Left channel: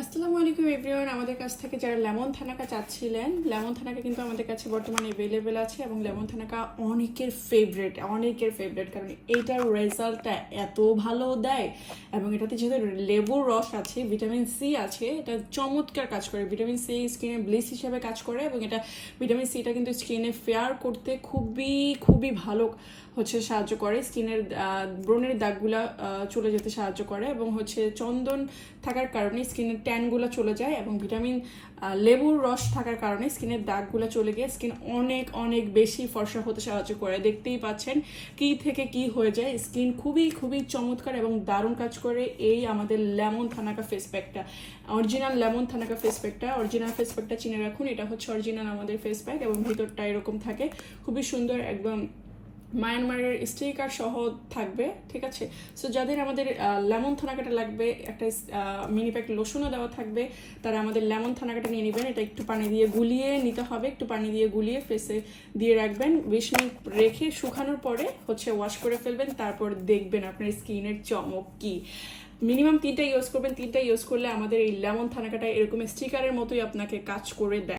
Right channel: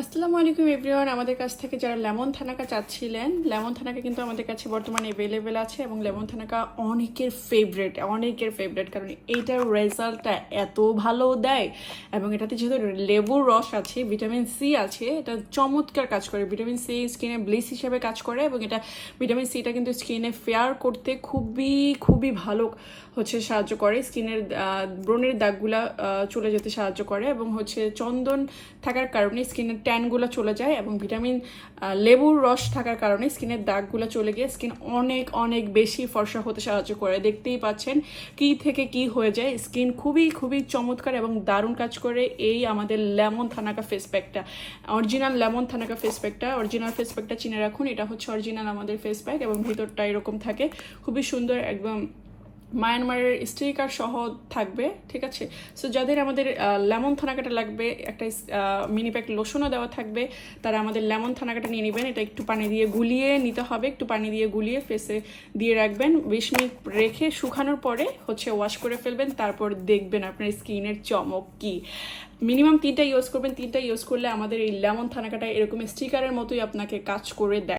আসসালামু আলাইকুম এভরিওয়ান। আমাদের কাছ থেকে যারা লেমন থানাকা চাচ্ছিলেন, লেমন থানাকা কিন্তু আমাদের কাছে বর্তমানে অ্যাভেলেবেল আছে এবং লেমন থানাকা অনেকের ফেভারেট অনেকের ফেভারেট কারণ এইটার রেজাল্টটা এত ভালো দেয় এবং এটাতে যেহেতু লেবুর রস আছে ভিটামিন সি আছে, এটা চমৎকার কাজ করে। ভিটামিন সি স্কিনে ব্লিস হিসেবে কাজ করে এবং এটা ভিটামিন সিটা কিন্তু স্কিনে ফেয়ার করতে খুবই খুবই ভালো হচ্ছে সাহায্য করে। স্কিনের ব্রণের দাগগুলা চলে যেতে সাহায্য করে এবং হচ্ছে চন্দন থাকার কারণে স্কিনের ট্যানগুলো চলে যায় এবং ভিটামিন লেবুর রস থাকার কারণে স্কিনের দাগগুলো চলে গিয়ে স্কিন অনেক অনেক বেশি ফর্সা হতে সাহায্য করে। দেখতেই পাচ্ছেন কি থেকে কি হয়ে যায়। স্কিন খুবই খুবই চমৎকার এবং দারুণ কাজ করে এই আমাদের লেমন থানাকা ফেস প্যাকটা। অরিজিনাল লেমন থানাকা ফেস প্যাকটা, অরিজিনাল ফেস প্যাকটা চিনে রাখুন। এটা হচ্ছে অরিজিনাল আমাদের ফেস প্যাক এবং ভিতরটা এরকম থাকে। খুবই সুন্দর, একদম মায়ানমারের স্টিকার সহ থাকবে, ঠিক আছে? সো যাদের আমাদের লেমন থানাকাটা লাগবে, একটা মিনি প্যাক লোশনও দেওয়া থাকবে, তারা আমাদের লেমন থানাকাটা নিয়ে নেবেন। এটা একটু পানি দিয়ে গুলিয়ে নিতে হবে, একটু পানি দিয়ে গুলিয়ে ফেসে দিয়ে রাখবেন। বিশ মিনিট রেখে শুকানোর পরে হচ্ছে ওয়াশ করে ফেলবেন, তারপর দেখবেন আপনার স্কিনের চমক কি। মিনিমাম তিনটা ইউজ করবেন, তিনটা ইউজ করলে আমাদের এই লেমন থানাকাটা এরকম স্টিকারের মতোই আপনাকে কাজ করে দেয়।